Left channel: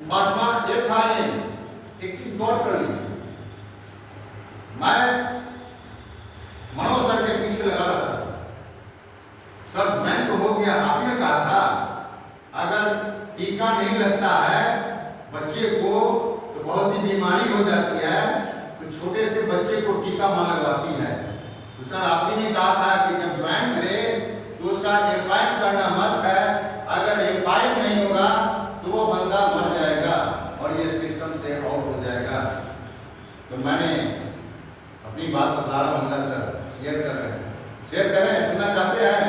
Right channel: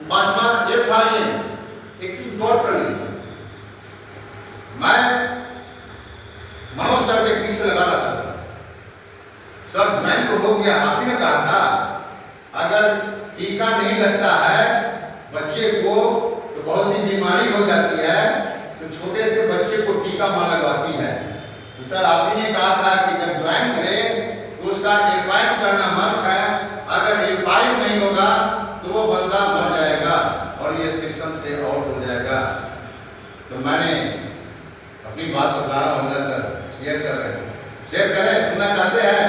पांचवा FIM, एक चीज नोट कर ली। मैं मनोज सर के पीछे लगा रहा था, सर ज्वाइन तो हो गया, आप ही ने कहा था अगर टीका नहीं लगता है बच्चे को तो बहुत सी बीमारी हो जाती है, तो छोटे से बच्चे को टीका मां लगवाती है। तो सर आप ही ने कहा था कि जब ज्वाइन करे तो उसका FIM करना मत है, अगर FIM नहीं होगा तो वो बंदा मर जाएगा और ये सिस्टम से आउट हो जाएगा। तो मैंने अपनी बात बता रहा हूँ सर, शेयर कर रहे हैं, शेयर करें, सुनना चाहते हैं।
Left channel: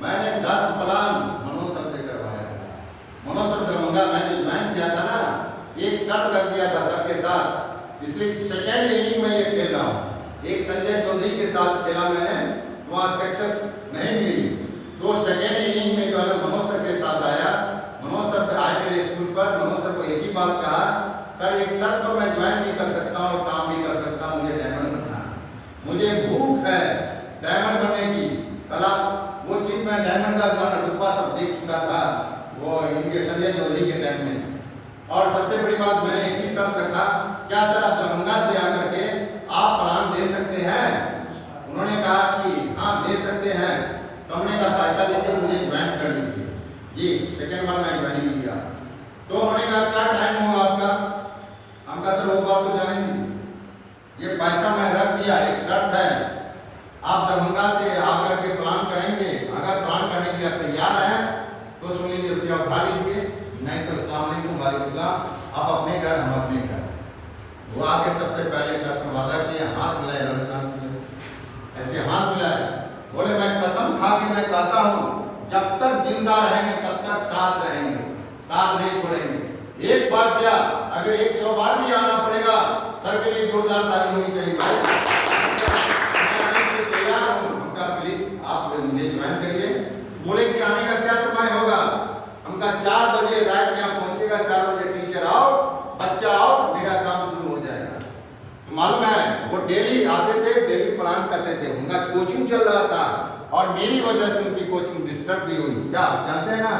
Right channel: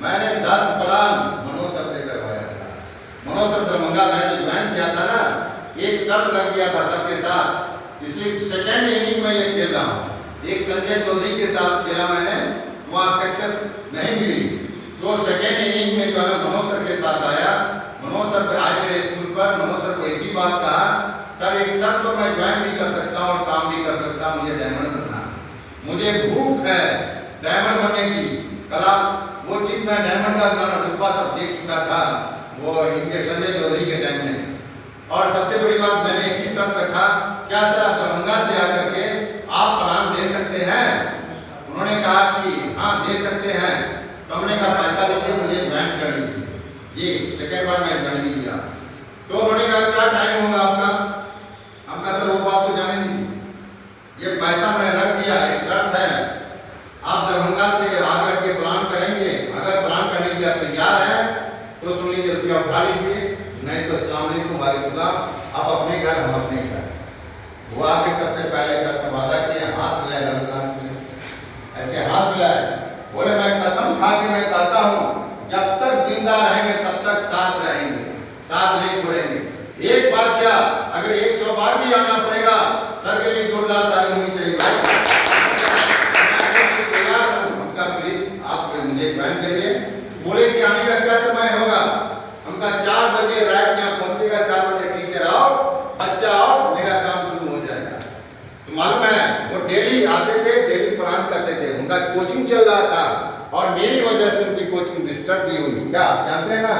मैंने 10 प्लान मनोज सर से करवाया था। मनोज सर दरभंगा में जो ज्वाइन किया था ना, एक शर्त लग गया था सबके साथ, इसलिए सेकेंड इनिंग में ये खेल रहा हूँ। एक संजय चौधरी के साथ खेला मैंने, वहाँ सक्सेस नहीं मिली, तो सेकेंड इनिंग में जो है मनोज सर के साथ आया। मनोज सर पर आए मेरे स्कूल पर, मनोज सर को एक ही बात कहा, सर एक शर्त तो मैं ज्वाइन भी कर सकता हूँ और काम भी कर सकता हूँ, मुझे डायमंड बनना है, मुझे भूख है डायमंड बनने की। कला वो चीज मैं डायमंड का गाना रुतबा सब देख चुका था वो इनके संजय चौधरी के टाइम में। और सबसे बड़ी बात मैंने एक ही शब्द रखा, क्या सर आप दरभंगा से आकर के आप प्लान दे सकते हैं? उन्होंने कहा कि हाँ दे सकते हैं। तो हमने कहा पैसा लेके मुझे ज्वाइन कर लीजिए। ये सेकेंड बार मैं ज्वाइन किया, तो उन्होंने कहा क्या टाइम होगा आपका? हम कहा सर वो बात तो जानेंगे, ये पैसा मैं रख दिया, एक शर्त है, आप दरभंगा से आकर के प्लान करेंगे, अगर प्लान करने के लिए आप तैयार हैं तो सुन लीजिए, रुपया उठा लीजिए, नहीं तो अस्सलाम वालेकुम वालेकुम, आप अपने घर हम अपने घर। वो आके सबसे पहले कसम वादा किया, हाथ मिलाए रमजान में, ऐसे हाथ मिलाए, बोले मैं कसम खा के मैं कहता हूँ जब तक जिंदा रहेंगे तब तक साथ रहेंगे, साथ नहीं छोड़ेंगे। एक बार क्या अगर 100 बार भी आना पड़ेगा, सर के लिए जोरदार ताली होनी चाहिए। तैयार हूँ, हमका प्लीज आप मुझे ज्वाइन करिए। बोले कि आने का क्या समय होगा? हमका 4 बजे रात यहाँ पहुंचेगा, 4 बजे टीचर आओ, बच्चा आओ, मेरा काम शुरू हो जाएगा। तो मालूम है वो डेली आते थे, डेली प्लान करते थे, उनका कोचिंग चल रहा था और मेरी वजह से उनकी कोचिंग डिस्टर्ब भी हुई, क्या आप जानते हैं ना?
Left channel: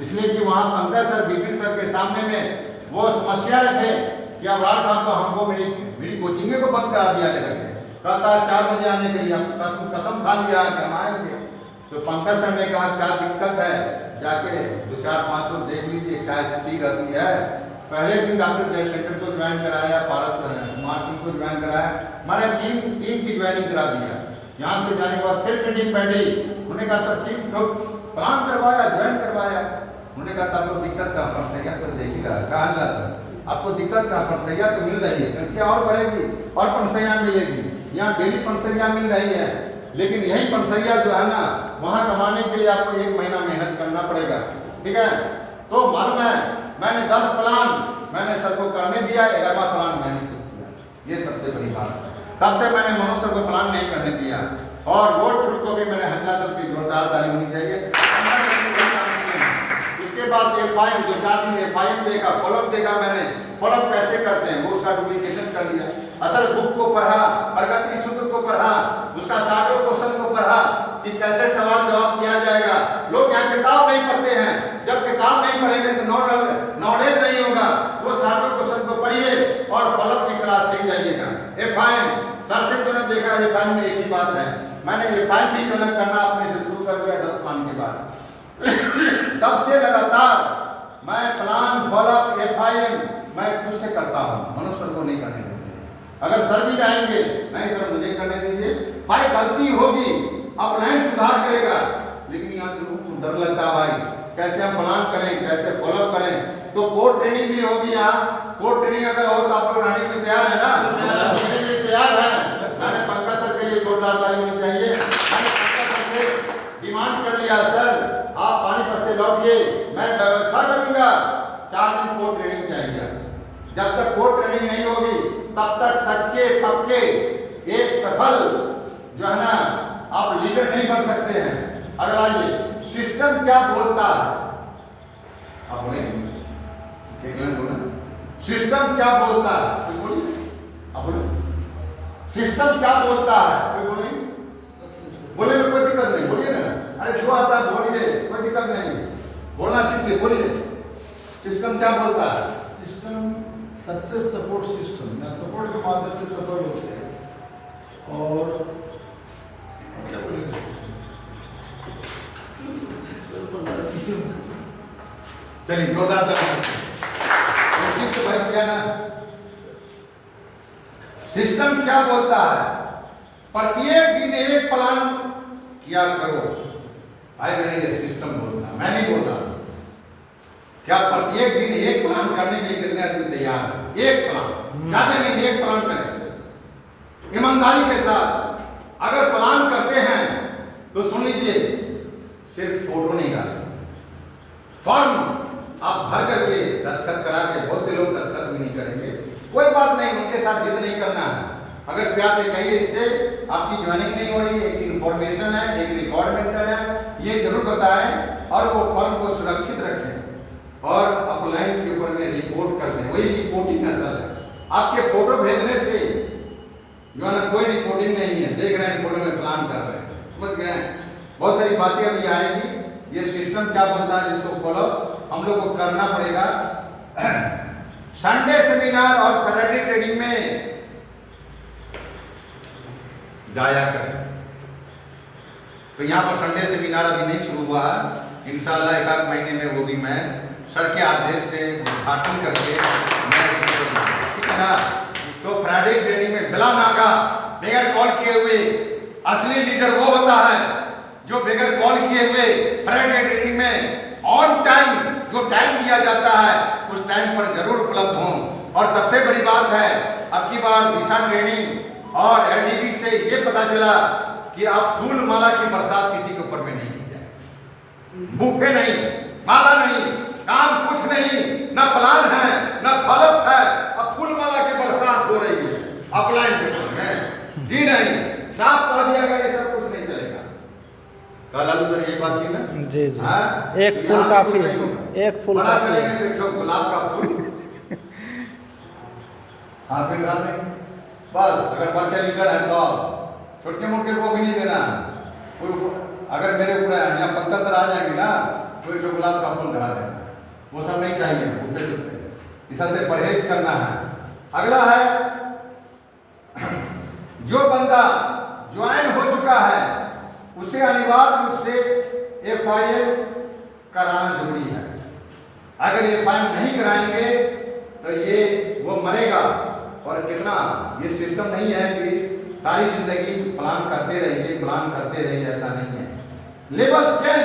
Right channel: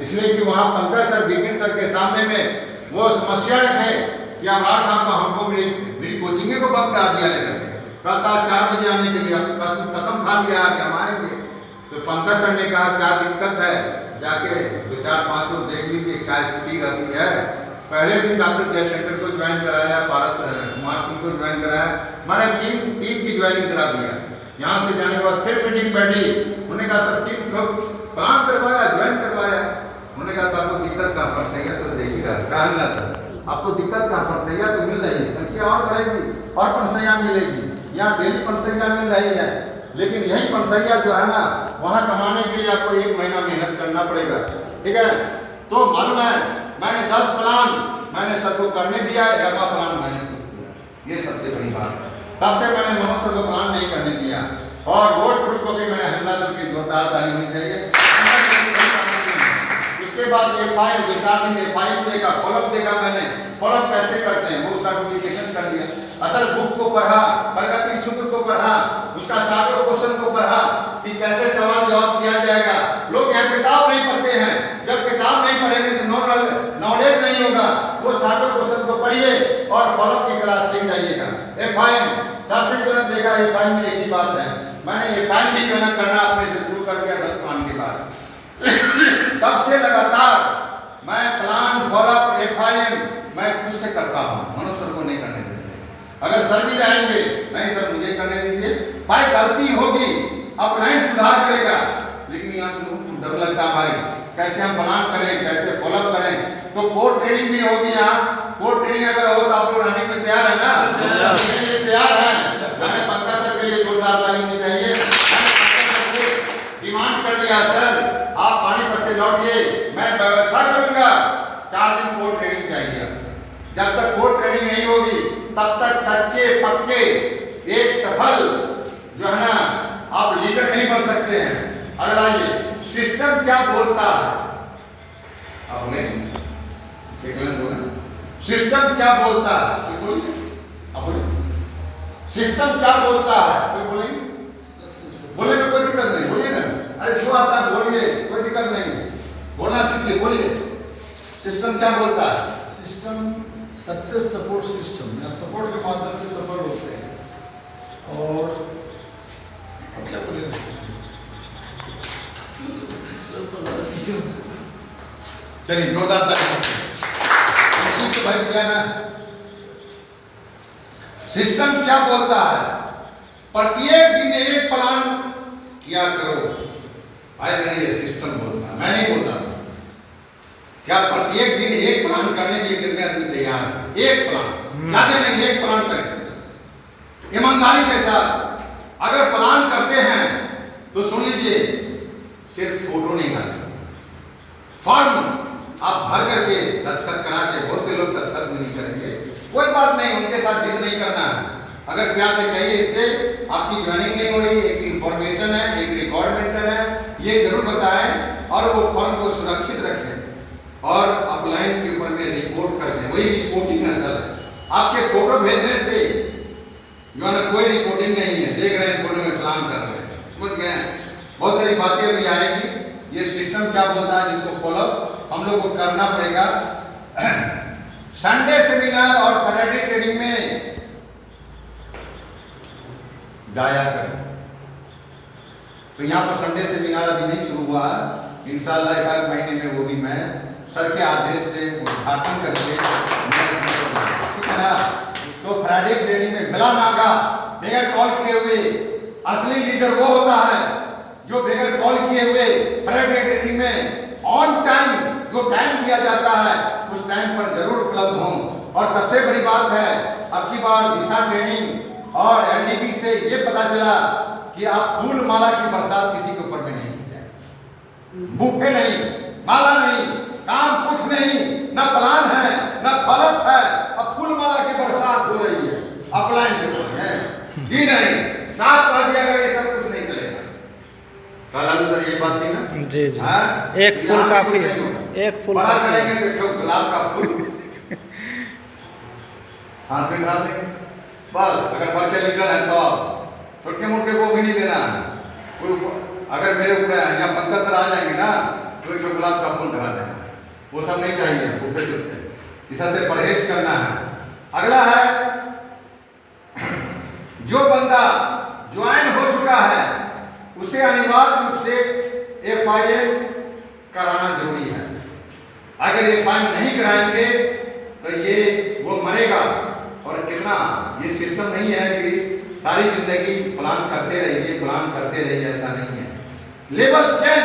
इसलिए कि वहाँ पंकज सर, बिपिन सर के सामने में वो समस्या रखे कि अब रात को हमको मेरी कोचिंग को बंद करा दिया, लेकर कहता 4 बजे आने के लिए, हम कसम खा लिया कि हम आएंगे। तो पंकज सर ने कहा क्या दिक्कत है, जाके 2-4-5 लोग देख लीजिए क्या स्थिति रहती है। पहले दिन डॉक्टर जयशंकर को ज्वाइन कराया, पारस कुमार सिंह को ज्वाइन कराया, मैंने 3 की ज्वाइनिंग करा दिया। यहाँ से जाने के बाद फिर मीटिंग बैठी, उन्होंने कहा सब 3 काम करवाया, ज्वाइन करवाया। उन्होंने कहा आपको दिक्कत का फरसैया तो देखिएगा, कहा सर आपको दिक्कत का फरसैया तो मिल रही है, संख्या और बढ़ेगी और फरसैया मिलेगी, यहाँ डेली फरसैया मिल रही है, लेकिन यही फरसैया जो है ना वहाँ कमाने के लिए आपको 1 महीना मेहनत करना पड़ेगा, ठीक है? तो मालूम है मैंने 10 प्लान मैंने सर को करने दिया, 11वां प्लान मैंने किया, ये सबसे बड़ी बात है। तब से मैंने मनोज सर को प्लान नहीं करने दिया और वोट ट्रूथ को भी मैंने हमला सर की जोरदार ताली होनी चाहिए। उसके बाद FIM 2-4 दिन FIM देखा, फॉलोअप देखा मैंने, फॉलोअप कैसे करते हैं वो उसका डुप्लीकेशन कर लिया। असल बुक को पढ़ा, प्रगति सूत्र को पढ़ा, उसका शॉर्ट क्वेश्चन को पढ़ा कि कैसे सवाल जवाब किया जाएगा। लोग यहाँ किताब नहीं पढ़ते हैं, जब किताब नहीं पढ़ेंगे तो नॉलेज नहीं होगा। वो शॉर्ट क्वेश्चन को पढ़िए और फॉलोअप की क्लास से जाइएगा। FIM सर से जो देखा, FIM भी एक ही बात है, मैंने FIM भी जो करना अपने से शुरू कर दिया 10 प्लान के बाद। तब से लगातार मैं प्लान फॉलोअप FIM मैं खुद से करता हूँ, मनोज सर को नहीं करने देते। अगर सर भी रहेंगे, नहीं सर मुझे करने दीजिए, भाई गलती होगी अपलाइन सुधार करेगा, लेकिन यहाँ लोगों को डर लगता है भाई कैसे हम प्लान करें, कैसे फॉलोअप करें। तो कोर्ट ट्रेनिंग भी होगी यहाँ, कोर्ट ट्रेनिंग अगर हो तो आप लोग आने के लिए तैयार है ना? तैयार है। मैंने पंकज सर के लिए जोरदार ताली होनी चाहिए। डिमांड कर लिया सर आप पानीपत से लौटिए, मैं व्यवस्था करूंगा, 4 दिन कोर्ट ट्रेनिंग चाहिए। जब तक कोर्ट ट्रेनिंग नहीं होगी तब तक सच्चे पक्के एक सफल जो है ना आप लीडर नहीं बन सकते हैं। अगला ये सिस्टम क्या बोलता है, आप बोले सिस्टम क्या बोलता है, बोलिए आप बोले सिस्टम क्या बोलता है, कोई बोलेंगे? बोलने में कोई दिक्कत नहीं, बोलिए ना, अरे जो आता है बोलिए, कोई दिक्कत नहीं, बोलना सीखिए, बोलिए। सिस्टम क्या बोलता है? सिस्टम सक्सेस सपोर्ट सिस्टम या सपोर्ट के माध्यम से सफल होते हैं। और क्या बोले, चलिए जोरदार ताली। तो भाई क्या ना, सिस्टम क्या बोलता है? प्रत्येक दिन एक प्लान किया करो। भाई मेरे ये सिस्टम बोलता है, मैं नहीं बोलता। क्या प्रत्येक दिन एक प्लान करने के लिए कितने आदमी तैयार है? एक प्लान, ज्यादा नहीं, एक प्लान करें ईमानदारी के साथ। अगर प्लान करते हैं तो सुन लीजिए, सिर्फ फोटो नहीं डालते, फॉर्म आप भर करके दस्तखत करा के, बहुत से लोग दस्तखत भी नहीं करेंगे, कोई बात नहीं, उनके साथ जिद नहीं करना है। अगर प्यार से कहिए इससे आपकी ज्वाइनिंग नहीं हो रही, एक इंफॉर्मेशन है, एक रिकॉर्डमेंटल है, ये जरूर बताएं और वो फॉर्म को सुरक्षित रखें और अपलाइन के ऊपर में रिपोर्ट कर दें। वही रिपोर्टिंग असल है। आपके फोटो भेजने से जो है ना कोई रिपोर्टिंग नहीं है, देख रहे हैं फोटो में प्लान कर रहे हैं, समझ गए? बहुत सारी बातें अभी आएगी। ये सिस्टम क्या बोलता है जिसको फॉलो हम लोग को करना पड़ेगा। संडे सेमिनार और फ्राइडे ट्रेनिंग में गाया करें। तो यहाँ पर संडे सेमिनार अभी नहीं शुरू हुआ है, इंशाल्लाह एक आध महीने में वो भी मैं सर के आदेश से उद्घाटन करके, ठीक है ना? तो फ्राइडे ट्रेनिंग में गला नागा बगैर कॉल किए हुए, असली लीडर वो होता है जो बगैर कॉल किए हुए फ्राइडे ट्रेनिंग में ऑन टाइम, जो टाइम दिया जाता है उस टाइम पर जरूर उपलब्ध हों। और सबसे बड़ी बात है, अब की बार दिशा ट्रेनिंग और एलडीबी से ये पता चला कि आप फूल माला की बरसात किसी के ऊपर में नहीं की जाए, बुके नहीं, माला नहीं, काम कुछ नहीं, ना प्लान है ना फलक है, अब फूल माला की बरसात हो रही है अपलाइन के ऊपर है ही नहीं, साफ कर दिया गया, ये सब कुछ नहीं चलेगा। कल सर ये बात थी ना? जी जी, एक फूल काफी है, एक फूल बड़ा काफी है। करेंगे तो गुलाब का फूल हाथ में डाल देंगे बस। अगर बच्चे लीडर है तो छोटे मोटे को भी नहीं देना। अगर मेरे ऊपर यहाँ 15 सर आ जाएंगे ना तो एक गुलाब का फूल चढ़ा देना, वो सब नहीं चाहिए, उठते जुटते इस से परहेज करना है। अगला है, जो बंदा ज्वाइन हो चुका है उसे अनिवार्य रूप से FIM कराना जरूरी है। अगर FIM नहीं कराएंगे तो ये वो मरेगा। और कितना, ये सिस्टम नहीं है कि सारी जिंदगी प्लान करते रहिए, प्लान करते रहिए, ऐसा नहीं है। लेवल चेंज,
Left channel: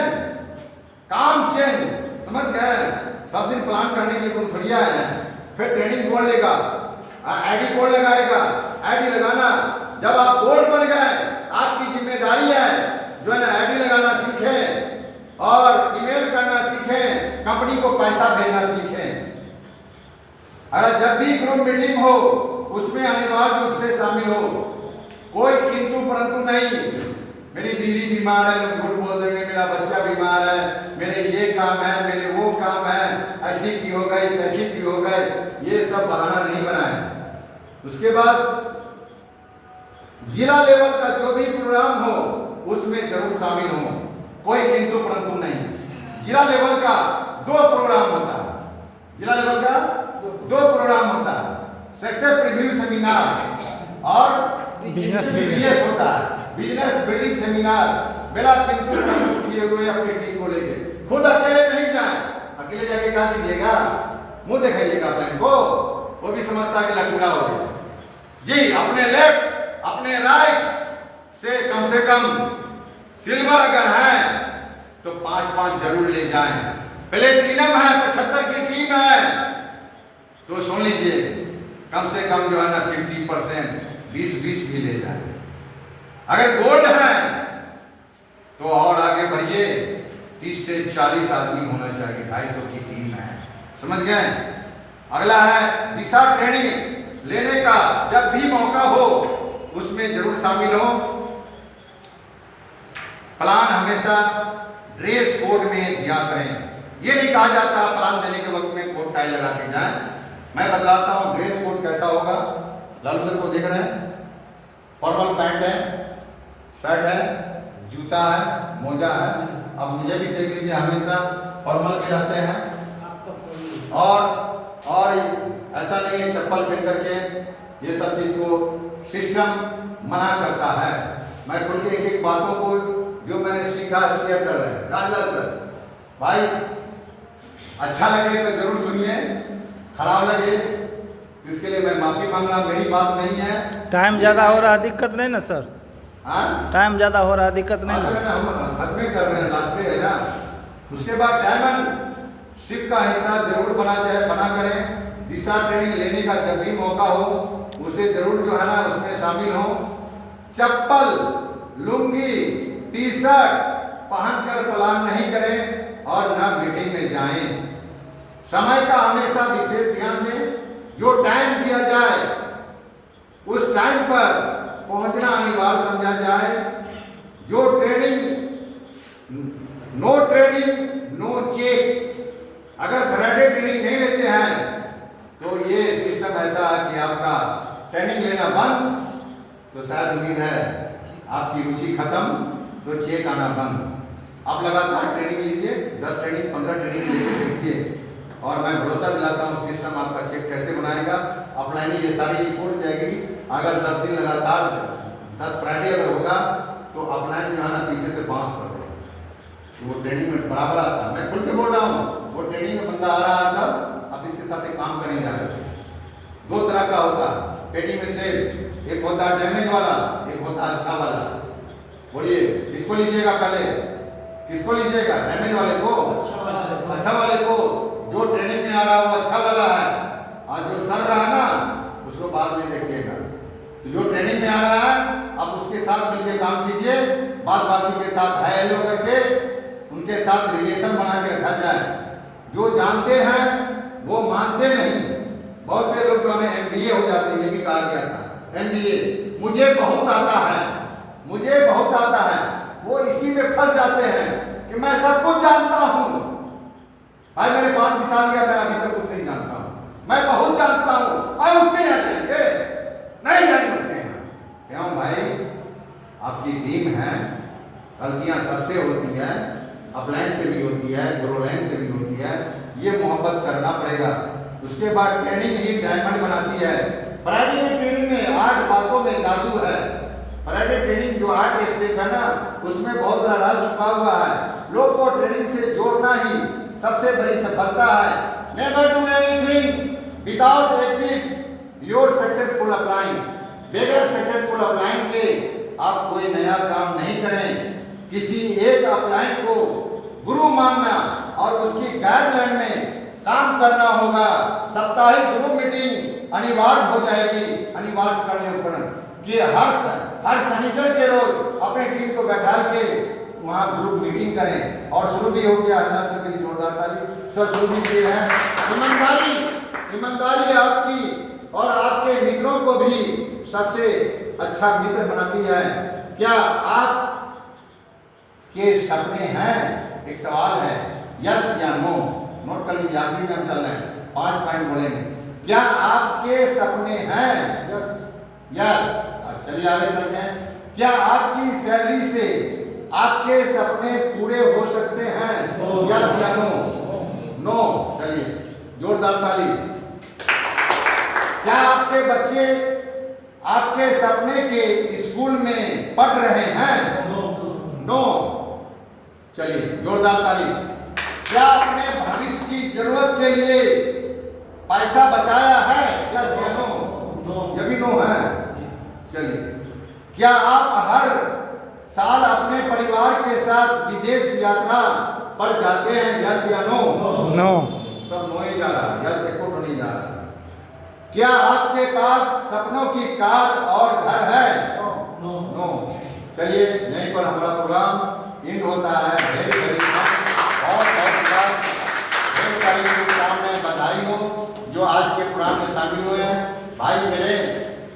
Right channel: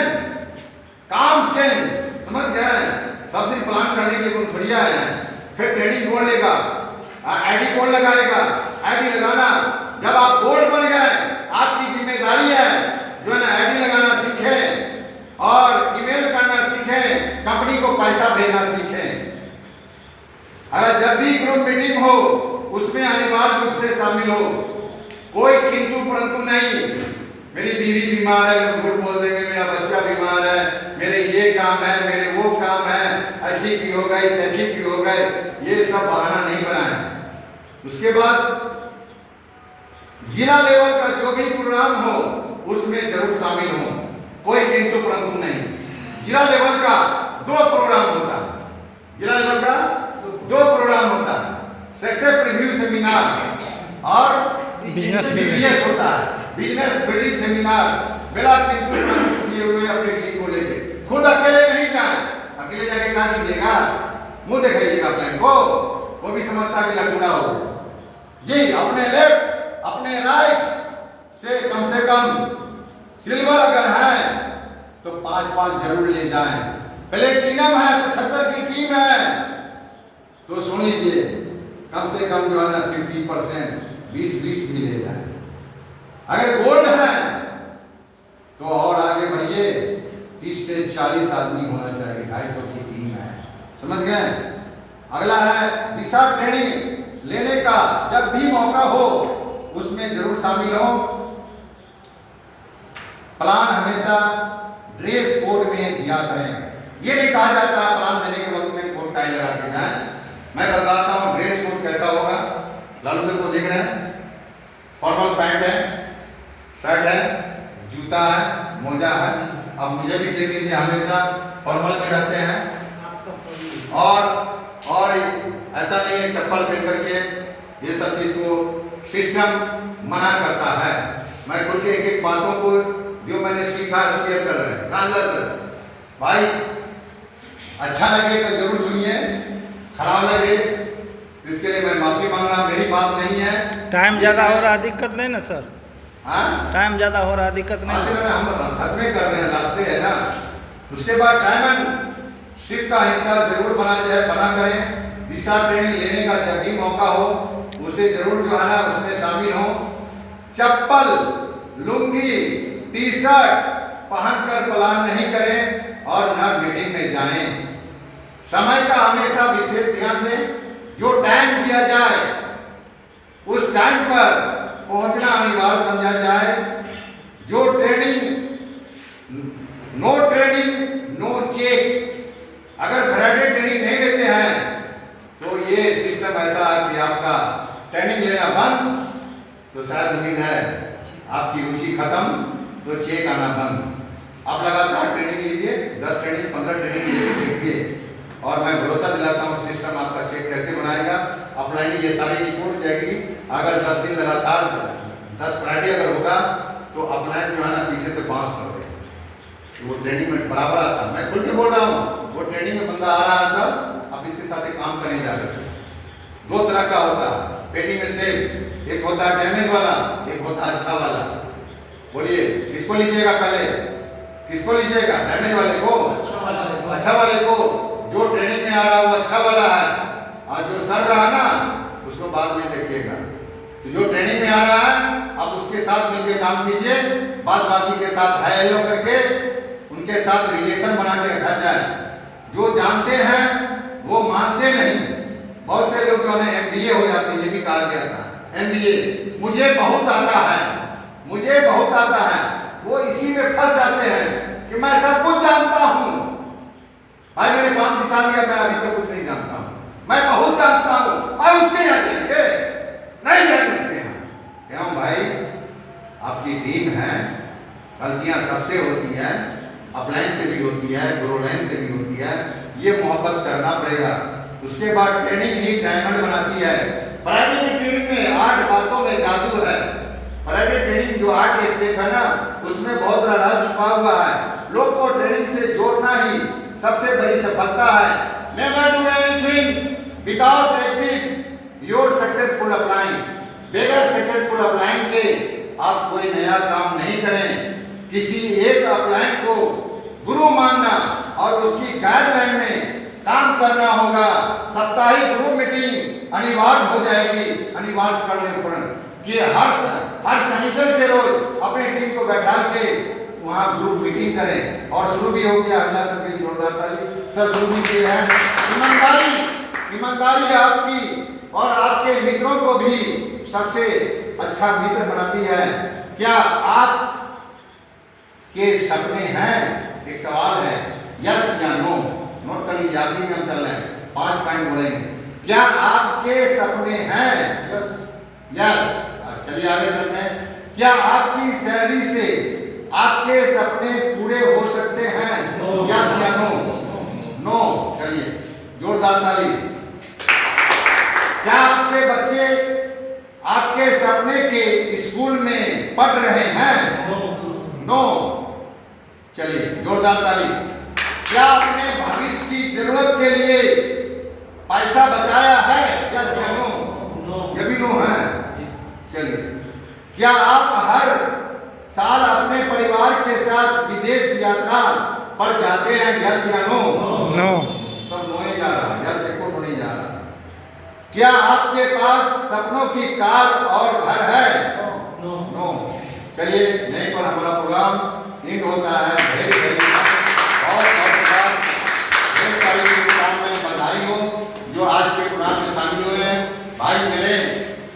काम चेंज, समझ गए? सब दिन प्लान करने के लिए कोई थोड़ी आए हैं। फिर ट्रेनिंग कोड लेगा, आईडी कोड लगाएगा, आईडी लगाना, जब आप बोर्ड बन गए आपकी जिम्मेदारी है जो है ना आईडी लगाना सीखें और ईमेल करना सीखें, कंपनी को पैसा भेजना सीखें। अगर जब भी ग्रुप मीटिंग हो उसमें अनिवार्य रूप से शामिल हो, कोई किंतु परंतु नहीं। मेरी बीवी बीमार है, लोग झूठ बोल देंगे, मेरा बच्चा बीमार है, मेरे ये काम है, मेरे वो काम है, ऐसी की हो गई, तैसी की हो गए, ये सब बहाना नहीं बनाए। उसके बाद जिला लेवल का जो भी प्रोग्राम हो उसमें जरूर शामिल हो, कोई किंतु परंतु नहीं। जिला लेवल का 2 प्रोग्राम होता है, जिला लेवल का 2 प्रोग्राम होता है, सक्सेस रिव्यू सेमिनार और बिजनेस होता है, बिजनेस बिल्डिंग सेमिनार। बेड़ा किंतु किए हुए अपनी टीम को लेके खुद अकेले नहीं जाए, अकेले जाके क्या कीजिएगा, मुंह दिखाइएगा प्लान को, वो भी समझता कि लटूला हो गया जी। अपने लेफ्ट अपने राइट से कम सिल्वर अगर है तो 5-5 जरूर ले जाएं। प्लेटिनम है, 75 की टीम है तो सुन लीजिए, कम से कम जो है ना 50%, 20-20 भी ले जाए। अगर गोल्ड है तो और आगे बढ़िए, 30 से 40 आदमी होना चाहिए, 250 की टीम है, समझ गए? अगला है दिशा ट्रेनिंग लेने का, जब भी मौका हो उसमें जरूर शामिल हो। प्लान हमेशा ड्रेस कोड में दिया करें। ये नहीं कहा जाता प्लान देने के वक्त में कोट टाई लगा के जाए। मैं बताता हूँ ड्रेस कोड कैसा होगा। लालू सर को देख रहे हैं, फॉर्मल पैंट है, शर्ट है, जूता है, मोजा है। अब मुझे भी देख लीजिए, हमेशा फॉर्मल में रहते हैं और ऐसा नहीं है चप्पल पहन करके ये सब चीज को सिस्टम मना करता है। मैं खुद के एक एक बातों को जो मैंने सीखा शेयर कर रहे हैं। रामलाल सर भाई अच्छा लगे तो जरूर सुनिए, खराब लगे तो इसके लिए मैं माफी मांग रहा, मेरी बात नहीं है। टाइम ज़्यादा हो रहा, दिक्कत नहीं ना सर? हाँ टाइम ज़्यादा हो रहा, दिक्कत नहीं ना? हम खत्म कर रहे हैं, रास्ते है ना। उसके बाद डायमंड शिप का हिस्सा जरूर बना करें। दिशा ट्रेनिंग लेने का जब भी मौका हो उसे जरूर जो है ना उसमें शामिल हो। चप्पल, लुंगी, टी शर्ट पहनकर प्लान नहीं करें और ना मीटिंग में जाएं। समय का हमेशा विशेष ध्यान दें। जो टाइम दिया जाए उस टाइम पर पहुंचना अनिवार्य समझा जाए। जो नो ट्रेनिंग नो चेक। अगर फ्राइडे ट्रेनिंग नहीं लेते हैं तो ये सिस्टम ऐसा है कि आपका ट्रेनिंग लेना बंद, तो शायद उम्मीद है आपकी रुचि खत्म, तो चेक आना बंद। आप लगातार ट्रेनिंग लीजिए, 10 ट्रेनिंग 15 ट्रेनिंग लीजिए, देखिए, और मैं भरोसा दिलाता हूँ सिस्टम आपका चेक कैसे बनाएगा। अपलाइन ये सारी रिपोर्ट जाएगी। अगर 10 दिन लगातार 10 फ्राइडे अगर होगा तो अपलाइन जो है ना पीछे से बांस कर देगा, तो वो ट्रेनिंग में बराबर आता है। मैं खुल के बोल रहा हूँ, वो ट्रेनिंग में बंदा आ रहा है सब, अब इसके साथ एक काम करें जाकर। 2 तरह का होता है पेटी में से, एक होता है डैमेज वाला, एक होता है अच्छा वाला। बोलिए किसको लीजिएगा? पहले किसको लीजिएगा? डैमेज वाले को, अच्छा वाले को। जो ट्रेनिंग में आ रहा है वो अच्छा वाला है, और जो सर रहा ना उसको बाद में देखिएगा। तो जो ट्रेनिंग में आ रहा है आप उसके साथ मिलकर काम कीजिए, बाद बाकी के साथ हाई लो करके उनके साथ रिलेशन बना के रखा जाए। जो जानते हैं वो मानते नहीं। बहुत से लोग जो है MBA हो जाते हैं, ये भी कहा गया था MBA मुझे बहुत आता है, मुझे बहुत आता है। वो इसी में फंस जाते हैं कि मैं सब कुछ जानता हूँ। भाई मैंने 5 साल लिया, मैं अभी तक कुछ नहीं जानता हूँ, मैं बहुत जानता हूँ। भाई उसके यहाँ जाएंगे, नहीं जाएंगे उसके यहाँ। क्यों भाई? आपकी टीम है, गलतियां सबसे होती है, अपलाइन से भी होती है, ग्रोलाइन से भी होती है, ये मोहब्बत करना पड़ेगा। उसके बाद ट्रेनिंग ही डायमंड बनाती है। फ्राइडे की ट्रेनिंग में 8 बातों में जादू है। फ्राइडे ट्रेनिंग जो 8 स्टेप है ना, उसमें बहुत बड़ा राज छुपा हुआ है। लोग को ट्रेनिंग से जोड़ना ही सबसे बड़ी सफलता है। Never do anything without acting your successful upline. बगैर सक्सेसफुल अपलाइन के आप कोई नया काम नहीं करें। किसी एक अपलाइन को गुरु मानना और उसकी गाइडलाइन में काम करना होगा। साप्ताहिक ग्रुप मीटिंग अनिवार्य हो जाएगी। अनिवार्य करने पर कि हर शनिवार के रोज अपनी टीम को बैठा के वहाँ ग्रुप मीटिंग करें। और शुरू भी हो गया, अल्लाह सबके लिए जोरदार ताली। सर शुरू भी किए हैं। ईमानदारी आपकी और आपके मित्रों को भी सबसे अच्छा मित्र बनाती है। क्या आप के सपने हैं? एक सवाल है, यस या नो। नोट कर लीजिए, आखिरी में हम चल रहे हैं, 5 पॉइंट बोलेंगे। क्या आपके सपने हैं? यस। यस। चलिए आगे चलते हैं। क्या आपकी सैलरी से आपके सपने पूरे हो सकते हैं? यस या नो? नो। चलिए जोरदार ताली। क्या आपके बच्चे आपके सपने के स्कूल में पढ़ रहे हैं? नो। चलिए जोरदार ताली। क्या आपने भविष्य की जरूरत के लिए पैसा बचाया है? यस या नो? ये भी नो है। चलिए, क्या आप हर साल अपने परिवार के साथ विदेश यात्रा पर जाते हैं? यस या नो? नो। सब नो ही जा रहा है, यस एको तो नहीं जा रहा। क्या आपके पास सपनों की कार और घर है? नो। चलिए यहीं पर हमारा प्रोग्राम एंड होता है। ढेर सारी काम में बधाई हो जो आज के प्रोग्राम में शामिल हुए हैं। भाई मेरे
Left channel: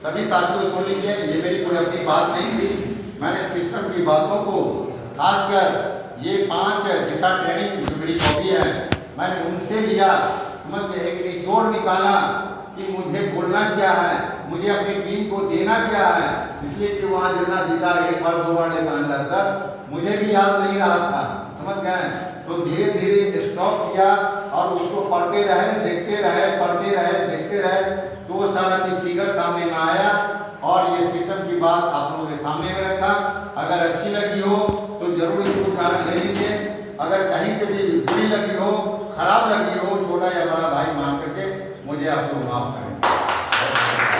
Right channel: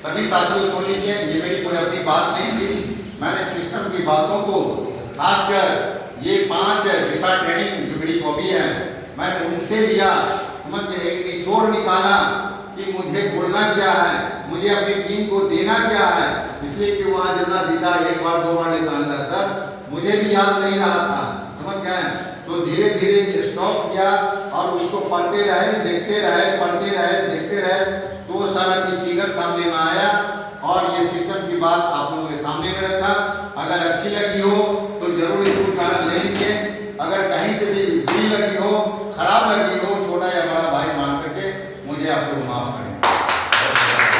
सभी साथियों सुन लीजिए, ये मेरी कोई अपनी बात नहीं थी। मैंने सिस्टम की बातों को, खासकर ये 5 दिशा ट्रेनिंग जो मेरी हॉबी है, मैंने उनसे लिया, समझ के एक निचोड़ निकाला कि मुझे बोलना क्या है, मुझे अपनी टीम को देना क्या है। इसलिए कि वहाँ जितना दिशा 1 बार 2 बार लेता सर, मुझे भी याद नहीं रहा था, समझ गए। तो धीरे धीरे स्टॉप किया और उसको पढ़ते रहे, देखते रहे, पढ़ते रहे, देखते रहे, तो वो सारा चीज फिगर सामने में आया और ये सिस्टम की बात आप लोगों के सामने में रखा। अगर अच्छी लगी हो तो जरूर इसको कारण ले लीजिए, अगर कहीं से भी बुरी लगी हो, खराब लगी हो, छोटा या बड़ा भाई मान करके मुझे आप लोग माफ करें।